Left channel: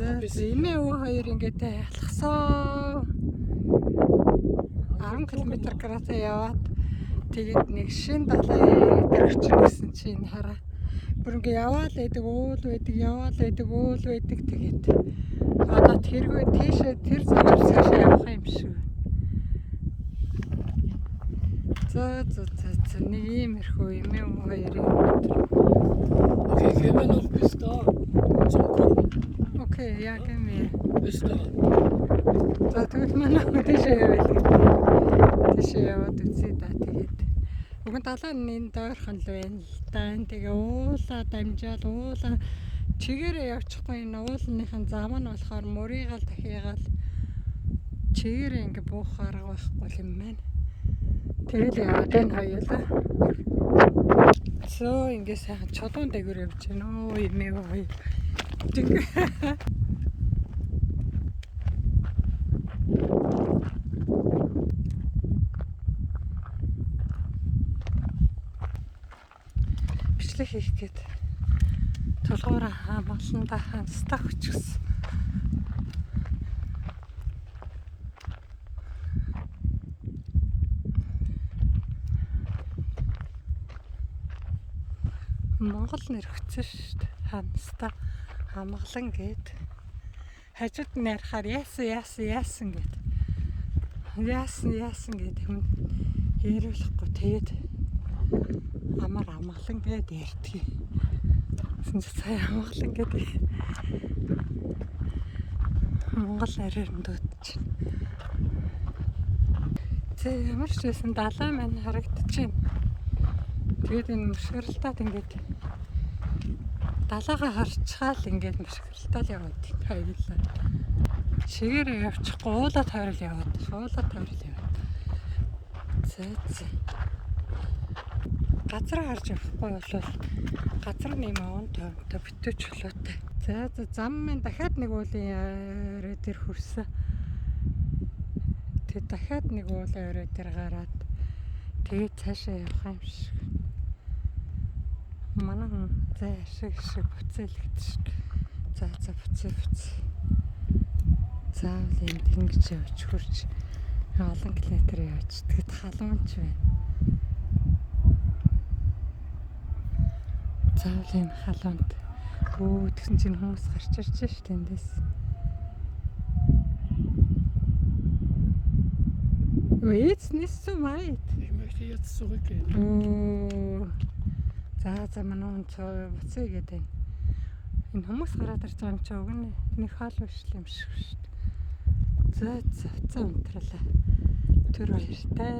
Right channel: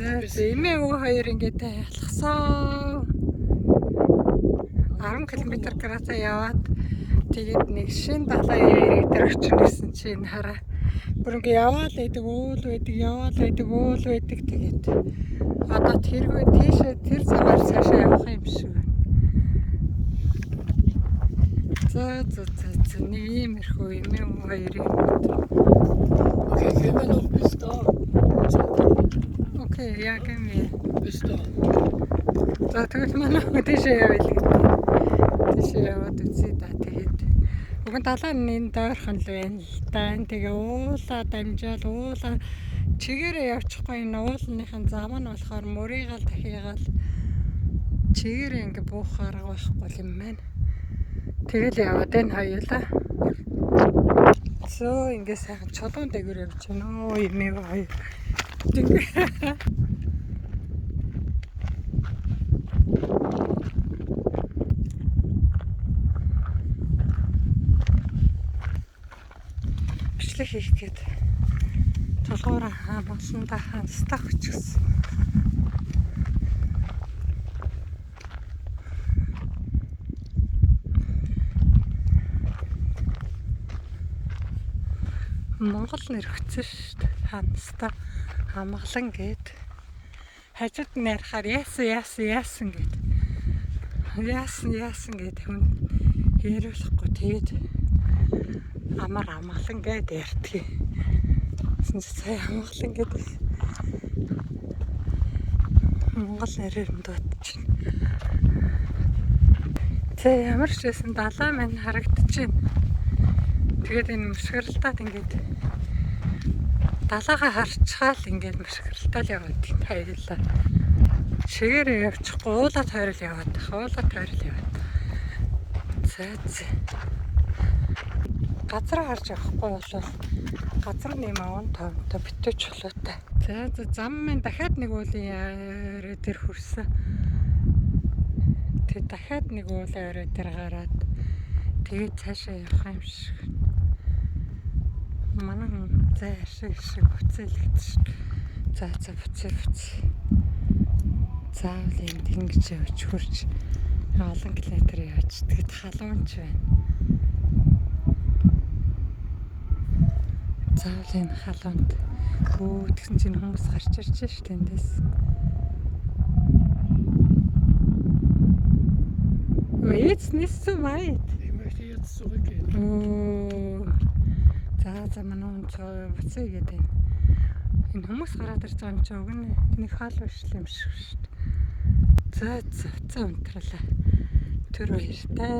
Эмээ өвөө хоёр ингээд алхсан 10 км градусаа яваад тэгээд нэг шин далайн яриг дээр очижсэн чинь хараа бүр ингээд яваал байдаг уул байдаг тэгээд одоо тэргүй тийшээ тэр цагаар цаашаа явах юм шиг байна. За нэг иймэрхүү эмээ өвөө хоёрын Okay, gehen wir noch bis da. Okay, ja, gehen wir. Bis da. За тэгвэл манай тийшээ явъя гэдэг. Тийшээ яваад үзье да тэгээд. Уг нь далайн энэ дойрхон л байна л да. Тэгээ уулаа дамжаал уулаа чигээрээ явчихгүй энэ уулынхын зам нь болохоор мөрийгаал дахиагаал чигээрээ ингээ буух арга байхгүй юм байна. Тэгэл яваад энэ хоёулаа. Зөө ингээ сайхан чулуун дээгүүр явж байна. Оо эмээ хоёр. Бичлэг хийх гээд толгоороо хамгаалсандаа ханстах хүчсэн. Монгол нэр хүчсэн шүү дээ. Ханстаа хамглан гээд хажууд нь ярахаар яасан гээд. Яасан гээд хүн хэрүүлэхгүй тэгээд амар амгалан гээд ярьдгийг. Сая амгалан гээд Монгол нэрээр нь дуудчихна. За ямар ч байсан далай маань харагдчихээн. Тэгээд энэ мөсгөрлөлтөд ингээд далайгаа харчхаал ингээд мөсгөрлөлтөд яваад энэ хоёулаа. Шигээрээ явчихгүй уулаа тойрол яваад. За. Газар харж явахгүй бол газар нэм аван товтой битүү чулуутай. За зам маань дахиад нэг уулын орой дээр хүрсэн. Тэгээд дахиад нэг уулын орой дээр гараад тэгээд цаашаа явах юм шиг. Манай зай шиг буцаалгад шүү. За буцаа. Заавал энд ингэж явж хурж олон километр явж тэгэд халуунч байна. Заавал энэ халуунд тэгсэн чинь хүмүүс гарч ирж шүү тэндээс. Jetzt nicht so weit. Ich möchte jetzt zurückgehen. За манай буцаа гэдэг. Энэ хүмүүс гараад ирж байгаа юм чи уг нь нэг хаал биш юм шиг шүү дээ. За унтралаа. Тэр баяртай.